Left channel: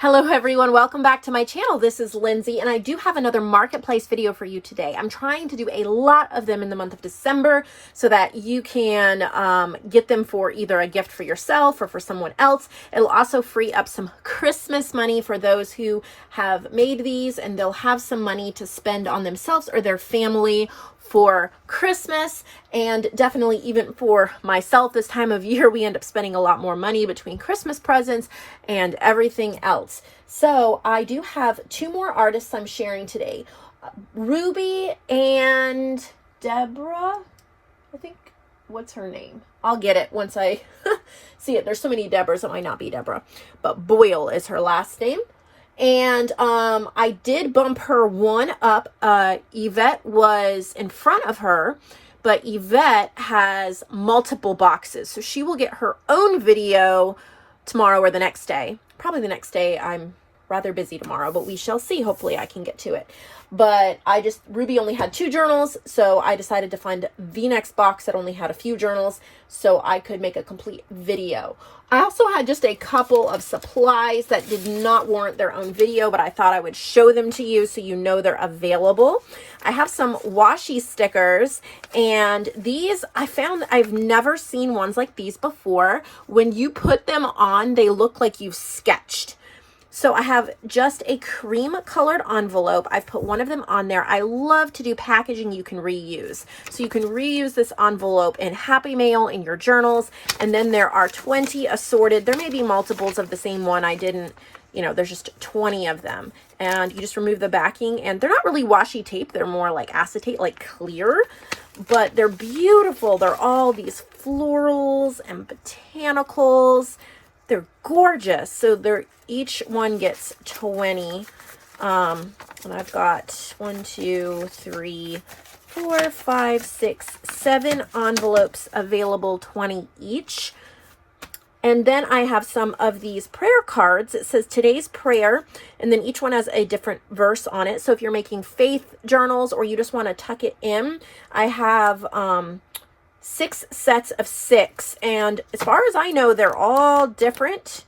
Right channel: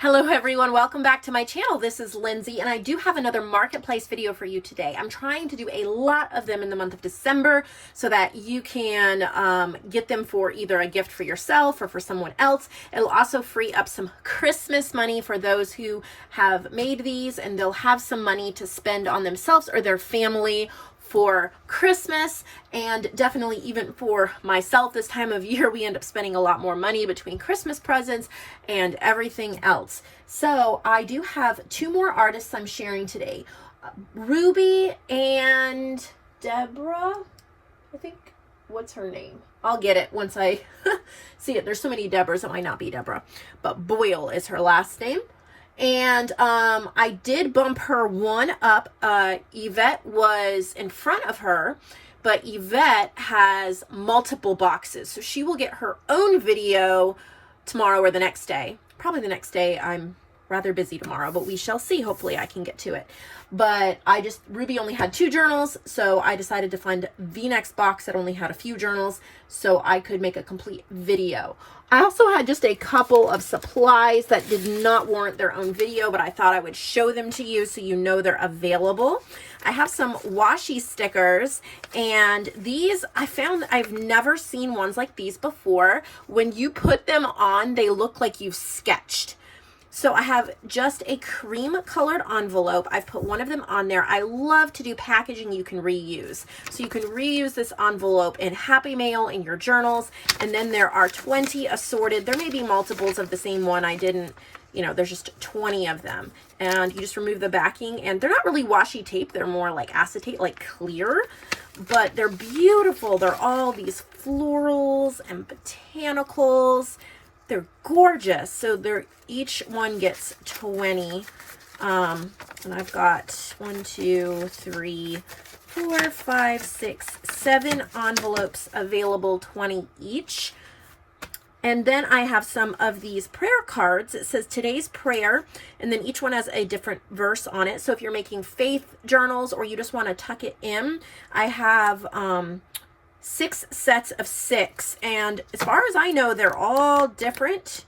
Hello everyone, welcome back to my channel. This is Lindsay and I do have another marketplace video for you today. I'm trying to do a lot of them in the month of December so that you can get them for either a gift for yourself or for someone else. It'll also free up some Christmas money for those who have made these, and they'll have some money to spend on themselves or their family for Christmas, and definitely even for myself this time of year. We end up spending a lot more money between Christmas presents and everything else. So I do have two more artists I'm sharing today. Ruby and Deborah, I think. What's her name? I'll get it once I see it. There's so many Deborahs, it might not be Deborah, but Boyle is her last name. And I did bump her one up. Yvette was in front of her, but Yvette has multiple boxes. So she will get her own video tomorrow or the next day. Probably the next day. I'm rather busy tomorrow, but we shall see. Hopefully I can get to it. But Ruby only had 2 journals, so I decided to find the next box that only had a few journals so I could make a complete video. I also had just a couple of supplies that did not warrant their own video, but I thought I would show them to you so you know they're available. I have some washi stickers, and these I found that I've never seen ones like these before. When you put them on, they look like you've sketched. So I have just a cream colored envelope. I've put one of them on there. I love to do packaging you can reuse. So you can reuse this envelope in Happy Mail, in your journals. And then there are 20 assorted. There may be multiples of the same one. I didn't, there's just 20 of them. And you just remove the backing. And they're not really washi tape. They're more like acetate, like clear. But they're beautiful. They're all these florals and botanicals. They're gorgeous. So each one gets 20. And I've got 1, 2, 3, 4, 5, 6, 7 envelopes available, 20 each. And then I have some of these prayer cards. It says today's prayer, and then each one has a different verse on it. So if you're making faith journals or you just want to tuck it in, I have 6 sets of 6, and as far as I know, they're all different.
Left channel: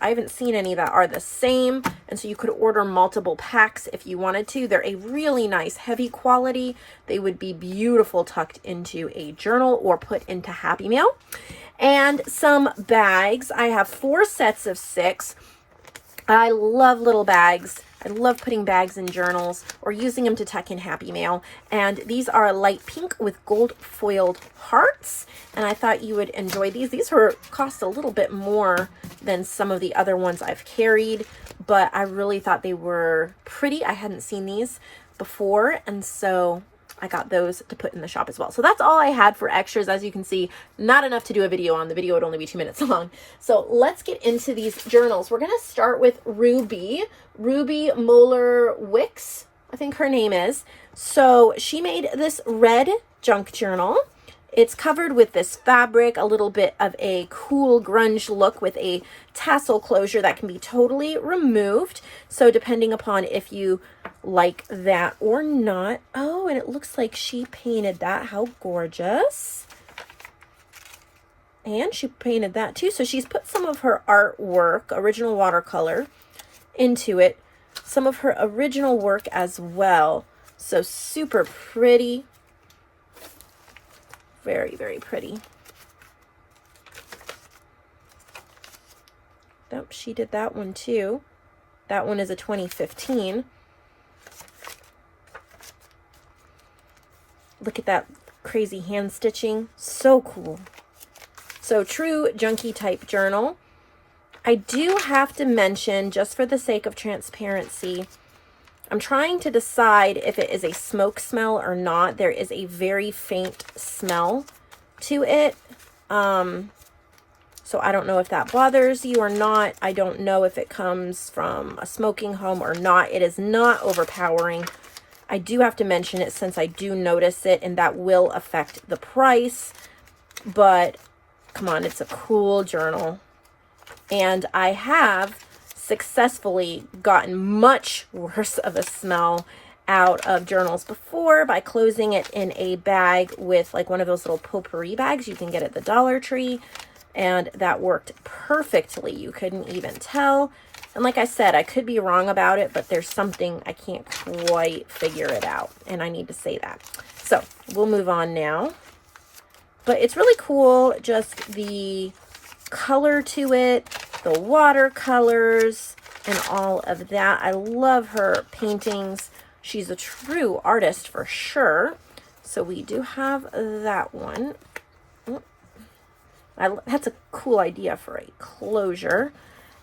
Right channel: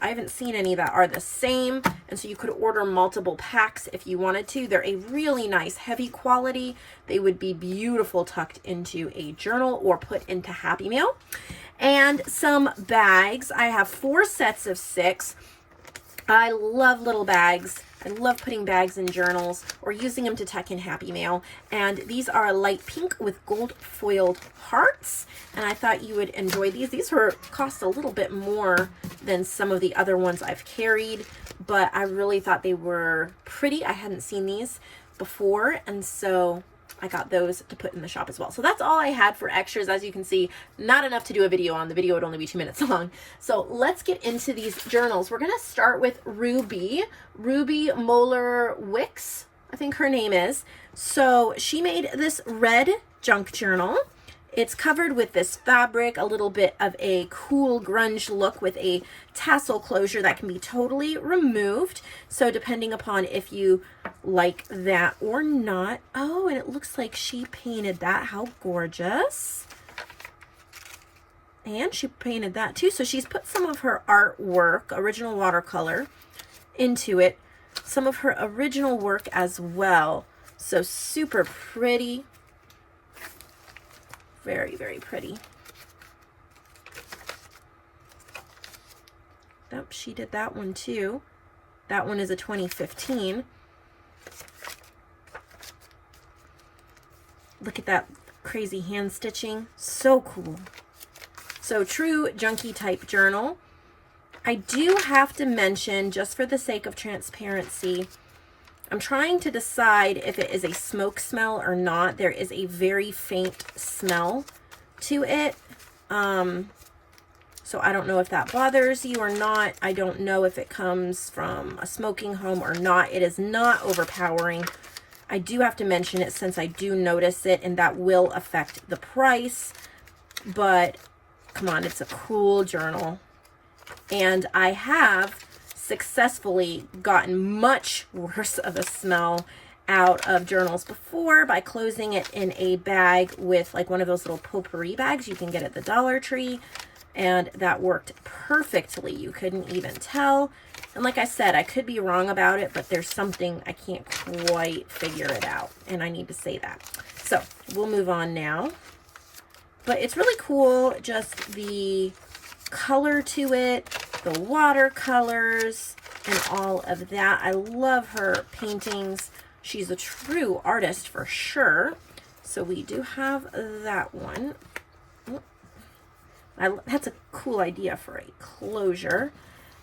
I haven't seen any that are the same, and so you could order multiple packs if you wanted to. They're a really nice heavy quality. They would be beautiful tucked into a journal or put into Happy Mail. And some bags. I have 4 sets of 6. I love little bags. I love putting bags in journals or using them to tuck in Happy Mail. And these are light pink with gold foiled hearts. And I thought you would enjoy these. These cost a little bit more than some of the other ones I've carried, but I really thought they were pretty. I hadn't seen these before, and so I got those to put in the shop as well. So that's all I had for extras. As you can see, not enough to do a video on. The video would only be 2 minutes long. So let's get into these journals. We're going to start with Ruby Moeller Wicks, I think her name is. So she made this red junk journal. It's covered with this fabric, a little bit of a cool grunge look with a tassel closure that can be totally removed. So depending upon if you like that or not. Oh, and it looks like she painted that. How gorgeous. And she painted that too. So she's put some of her artwork, original watercolor, into it. Some of her original work as well. So super pretty. Very, very pretty. Oh, she did that one too. That one is a 2015. Look at that crazy hand stitching. So cool. So true junky type journal. I do have to mention, just for the sake of transparency, I'm trying to decide if it is a smoke smell or not. There is a very faint smell to it. So I don't know if that bothers you or not. I don't know if it comes from a smoking home or not. It is not overpowering. I do have to mention it since I do notice it, and that will affect the price. But come on, it's a cool journal. And I have successfully gotten much worse of a smell out of journals before by closing it in a bag with like one of those little Paperie bags you can get at the Dollar Tree, and that worked perfectly. You couldn't even tell. And like I said, I could be wrong about it, but there's something I can't quite figure it out. And I need to say that. So we'll move on now. But it's really cool, just the color to it, the watercolors, and all of that. I love her paintings. She's a true artist for sure. So we do have that one. That's a cool idea for a closure.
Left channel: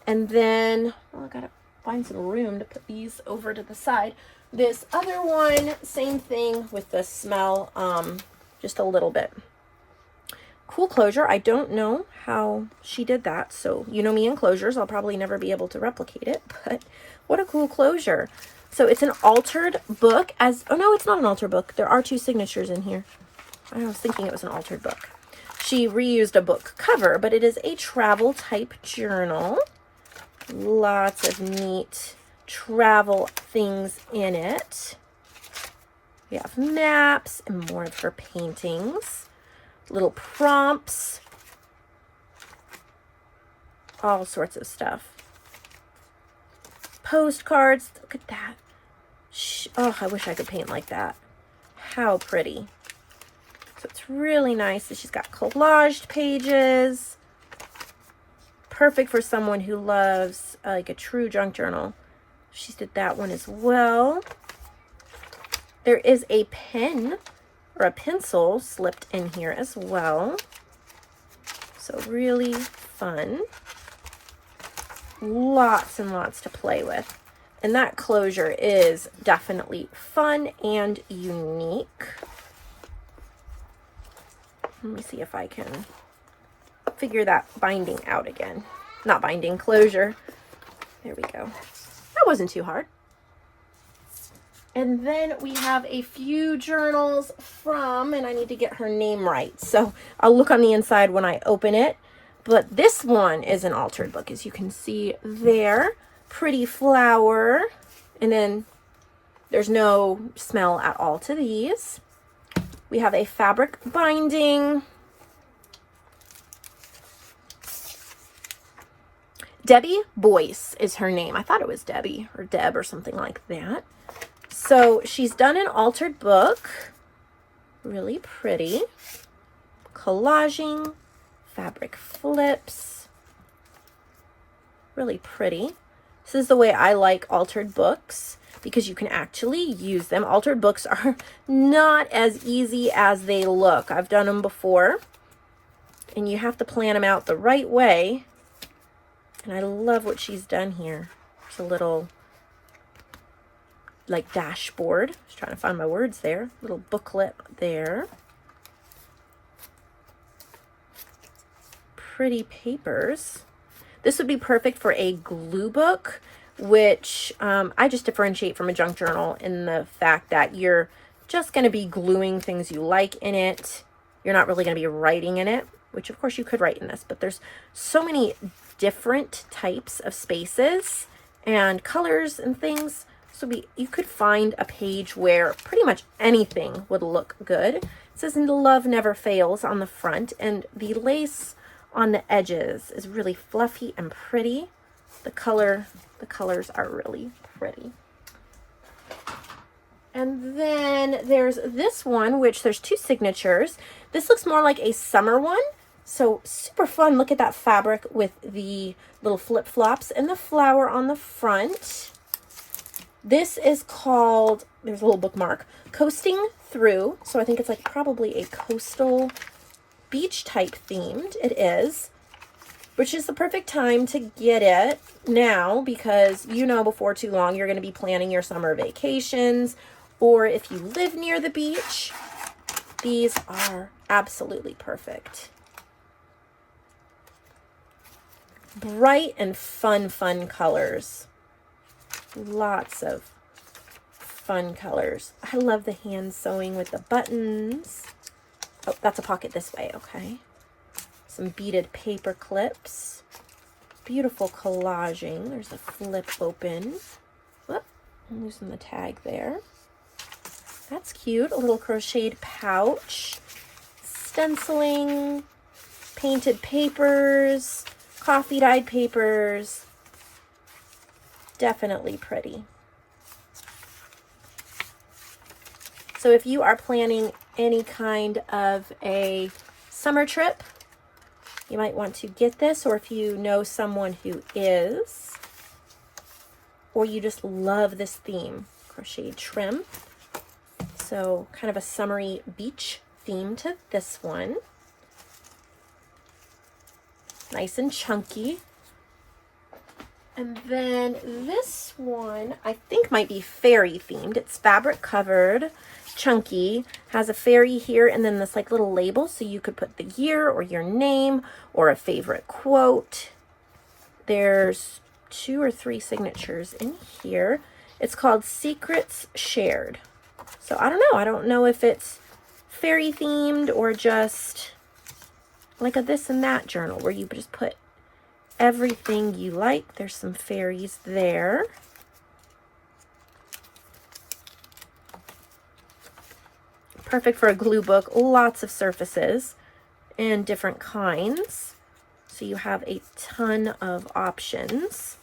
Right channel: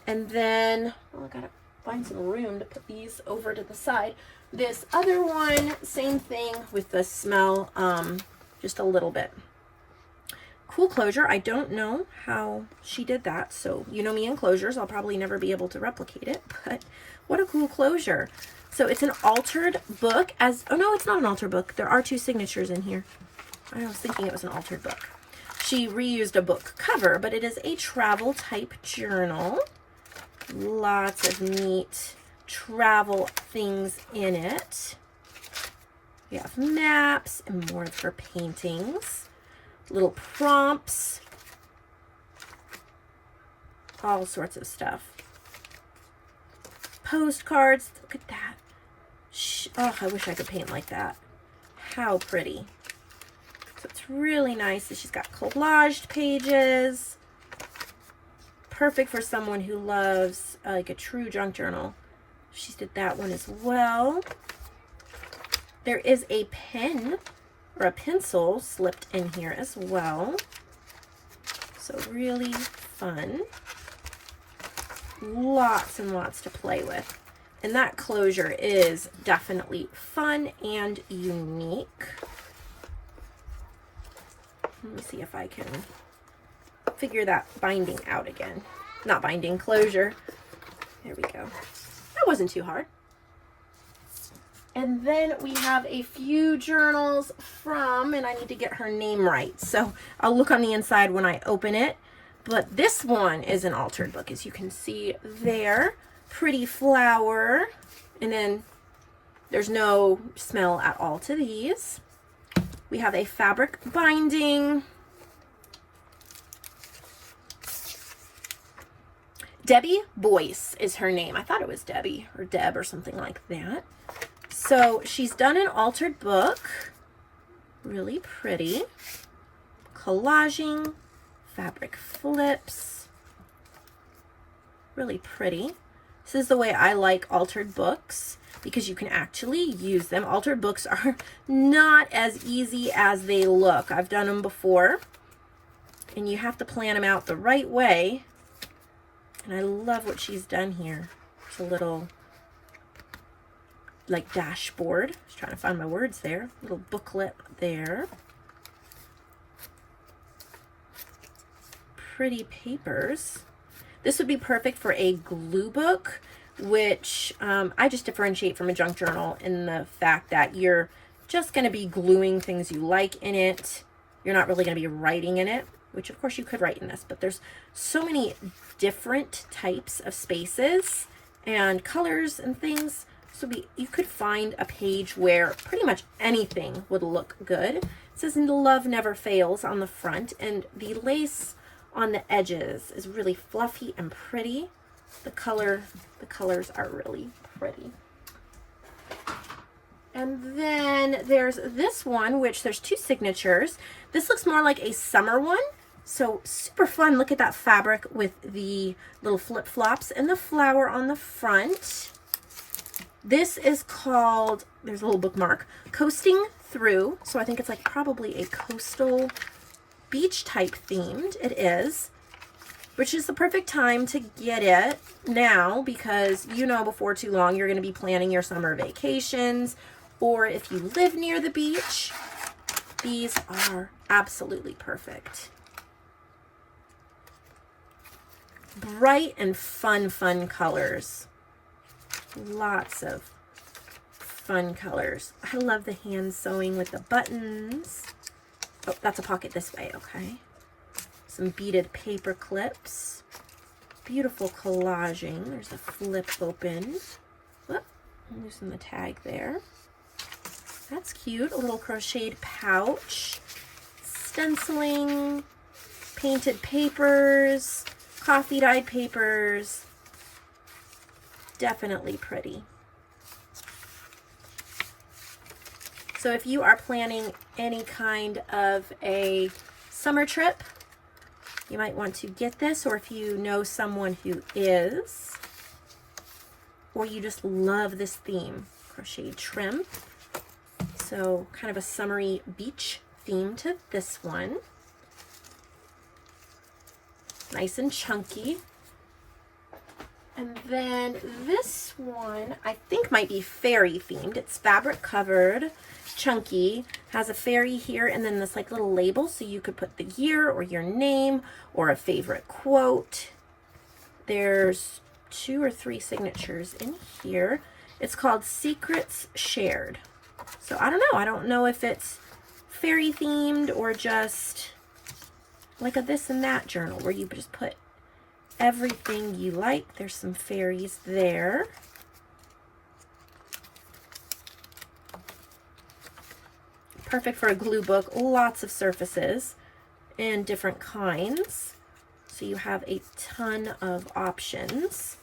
And then, I gotta find some room to put these over to the side. This other one, same thing with the smell, just a little bit. Cool closure. I don't know how she did that. So, you know me and closures. I'll probably never be able to replicate it, but what a cool closure. So it's an altered book oh no, it's not an altered book. There are 2 signatures in here. I was thinking it was an altered book. She reused a book cover, but it is a travel type journal. Lots of neat travel things in it. We have maps and more of her paintings. Little prompts. All sorts of stuff. Postcards. Look at that. Oh, I wish I could paint like that. How pretty. So it's really nice that she's got collaged pages. Perfect for someone who loves like a true junk journal. She did that one as well. There is a pen or a pencil slipped in here as well. So really fun. Lots and lots to play with. And that closure is definitely fun and unique. Let me see if I can figure that binding out again. Not binding, closure. There we go. That wasn't too hard. And then we have a few journals from, and I need to get her name right, so I'll look on the inside when I open it. But this one is an altered book, as you can see there. Pretty flower. And then there's no smell at all to these. We have a fabric binding. Debbie Boyce is her name. I thought it was Debbie or Deb or something like that. So she's done an altered book. Really pretty. Collaging. Fabric flips. Really pretty. This is the way I like altered books, because you can actually use them. Altered books are not as easy as they look. I've done them before, and you have to plan them out the right way. And I love what she's done here. It's a little like dashboard. I was trying to find my words there. Little booklet there. Pretty papers. This would be perfect for a glue book, which I just differentiate from a junk journal in the fact that you're just going to be gluing things you like in it. You're not really going to be writing in it, which of course you could write in this, but there's so many different types of spaces and colors and things. So you could find a page where pretty much anything would look good. It says "Love Never Fails" on the front, and the lace on the edges is really fluffy and pretty. The colors are really pretty. And then there's this one, which there's 2 signatures. This looks more like a summer one. So super fun. Look at that fabric with the little flip-flops and the flower on the front. This is called, there's a little bookmark, Coasting Through. So I think it's like probably a coastal beach type themed. It is, which is the perfect time to get it now, because you know before too long you're going to be planning your summer vacations, or if you live near the beach, these are absolutely perfect. Bright and fun colors. Lots of fun colors. I love the hand sewing with the buttons. Oh, that's a pocket this way, okay. Some beaded paper clips. Beautiful collaging. There's a flip open. Whoop, loosen the tag there. That's cute. A little crocheted pouch. Stenciling. Painted papers. Coffee dyed papers. definitely pretty. So if you are planning any kind of a summer trip, you might want to get this, or if you know someone who is, or you just love this theme, crochet trim. So kind of a summery beach theme to this one. Nice and chunky. And then this one, I think might be fairy themed. It's fabric covered, chunky, has a fairy here, and then this like little label, so you could put the year or your name or a favorite quote. There's 2 or 3 signatures in here. It's called Secrets Shared. So I don't know. I don't know if it's fairy themed or just like a this and that journal where you just put everything you like. There's some fairies there. Perfect for a glue book. Lots of surfaces and different kinds. So you have a ton of options.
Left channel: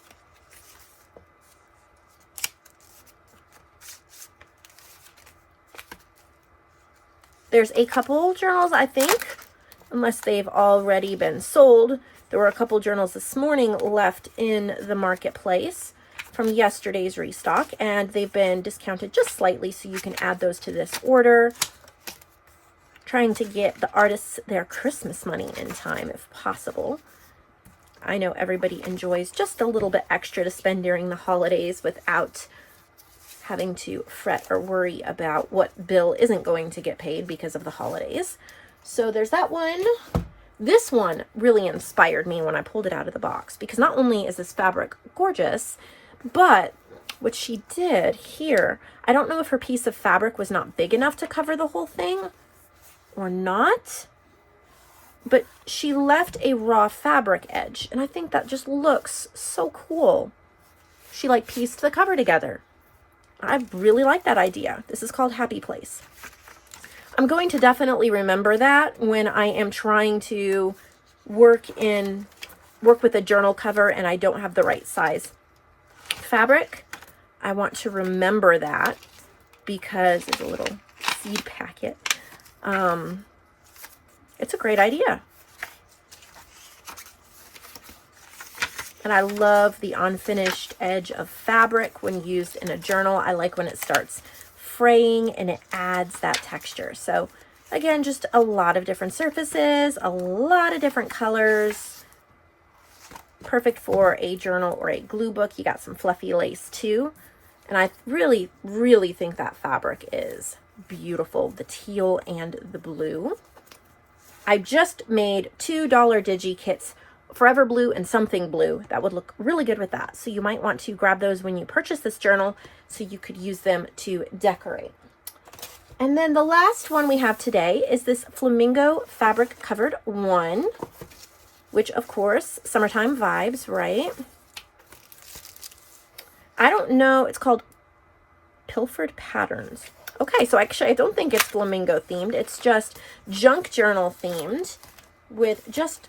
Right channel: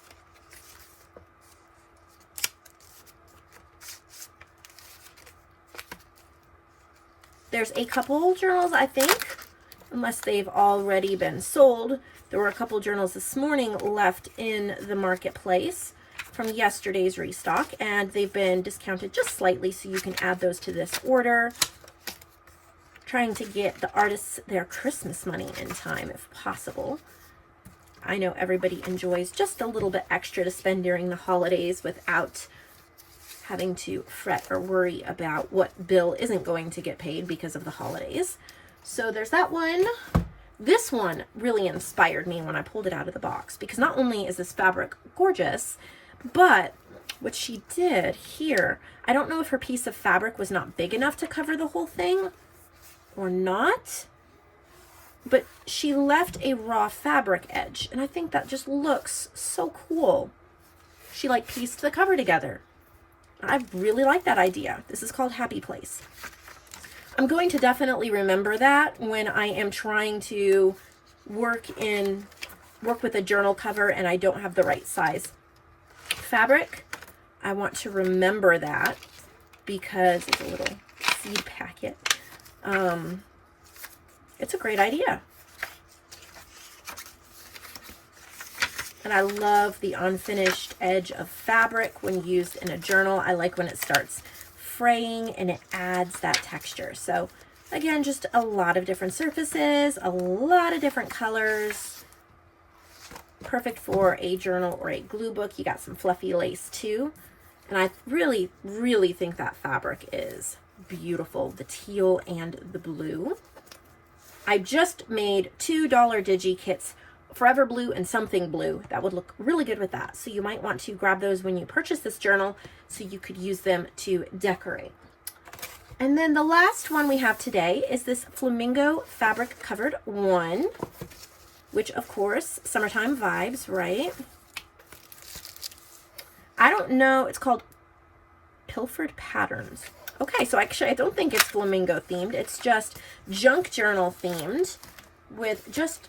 There's a couple journals, I think, unless they've already been sold. There were a couple journals this morning left in the marketplace from yesterday's restock, and they've been discounted just slightly, so you can add those to this order. Trying to get the artists their Christmas money in time if possible. I know everybody enjoys just a little bit extra to spend during the holidays without having to fret or worry about what bill isn't going to get paid because of the holidays. So there's that one. This one really inspired me when I pulled it out of the box, because not only is this fabric gorgeous, but what she did here, I don't know if her piece of fabric was not big enough to cover the whole thing or not, but she left a raw fabric edge, and I think that just looks so cool. She like pieced the cover together. I really like that idea. This is called Happy Place. I'm going to definitely remember that when I am trying to work with a journal cover and I don't have the right size fabric. I want to remember that because it's a little seed packet. It's a great idea. And I love the unfinished edge of fabric when used in a journal. I like when it starts fraying and it adds that texture. So again, just a lot of different surfaces, a lot of different colors. Perfect for a journal or a glue book. You got some fluffy lace too. And I really, really think that fabric is beautiful. The teal and the blue. I just made $2 digi kits, Forever Blue and Something Blue. That would look really good with that. So you might want to grab those when you purchase this journal so you could use them to decorate. And then the last one we have today is this Flamingo fabric covered one, which of course, summertime vibes, right? I don't know, it's called Pilfered Patterns. Okay, so actually I don't think it's flamingo themed. It's just junk journal themed with just,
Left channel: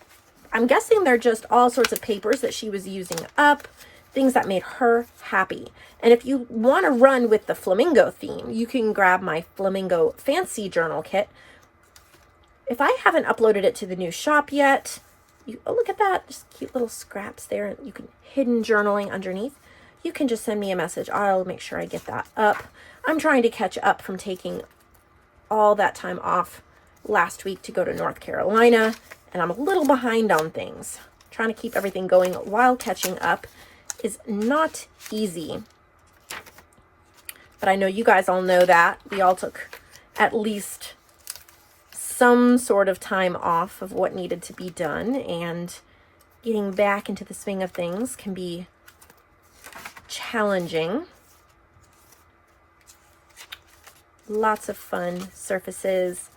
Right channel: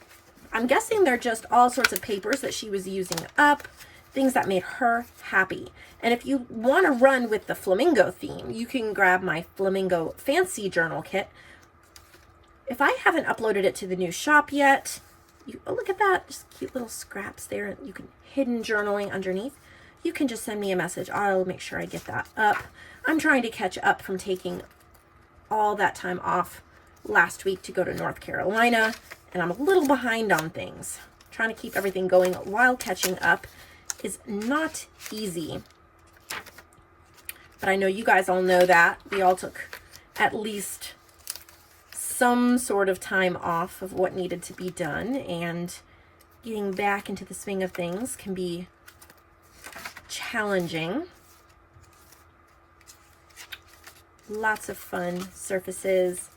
I'm guessing they're just all sorts of papers that she was using up, things that made her happy. And if you want to run with the flamingo theme, you can grab my Flamingo Fancy Journal Kit. If I haven't uploaded it to the new shop yet, oh, look at that, just cute little scraps there. You can hidden journaling underneath. You can just send me a message. I'll make sure I get that up. I'm trying to catch up from taking all that time off last week to go to North Carolina, and I'm a little behind on things. Trying to keep everything going while catching up is not easy. But I know you guys all know that. We all took at least some sort of time off of what needed to be done, and getting back into the swing of things can be challenging. Lots of fun surfaces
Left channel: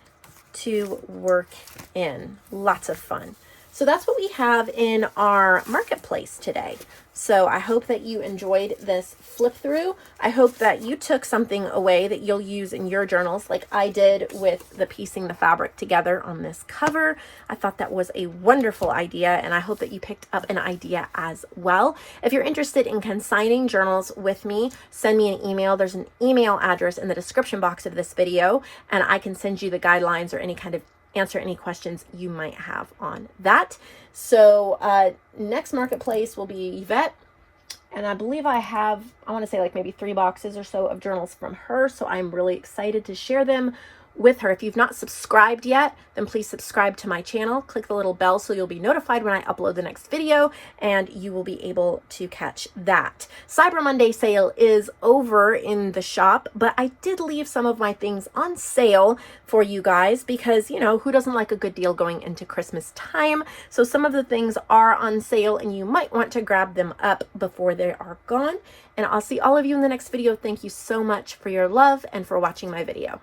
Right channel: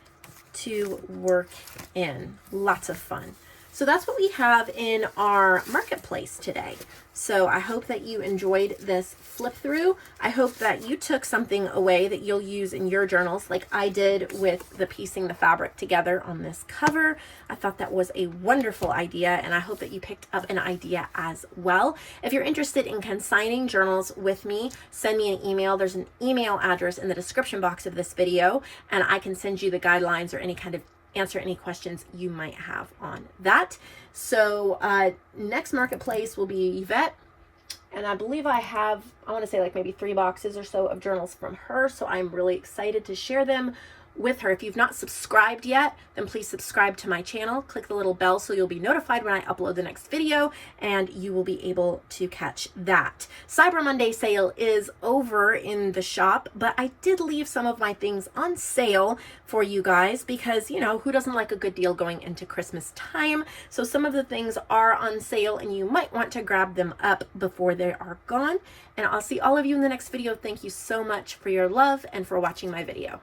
to work in. Lots of fun. So that's what we have in our marketplace today. So I hope that you enjoyed this flip through. I hope that you took something away that you'll use in your journals like I did with the piecing the fabric together on this cover. I thought that was a wonderful idea, and I hope that you picked up an idea as well. If you're interested in consigning journals with me, send me an email. There's an email address in the description box of this video, and I can send you the guidelines or any kind of answer any questions you might have on that. So next marketplace will be Yvette, and I believe I want to say like maybe 3 boxes or so of journals from her, so I'm really excited to share them with her. If you've not subscribed yet, then please subscribe to my channel. Click the little bell so you'll be notified when I upload the next video, and you will be able to catch that. Cyber Monday sale is over in the shop, but I did leave some of my things on sale for you guys because, you know, who doesn't like a good deal going into Christmas time? So some of the things are on sale, and you might want to grab them up before they are gone. And I'll see all of you in the next video. Thank you so much for your love and for watching my video.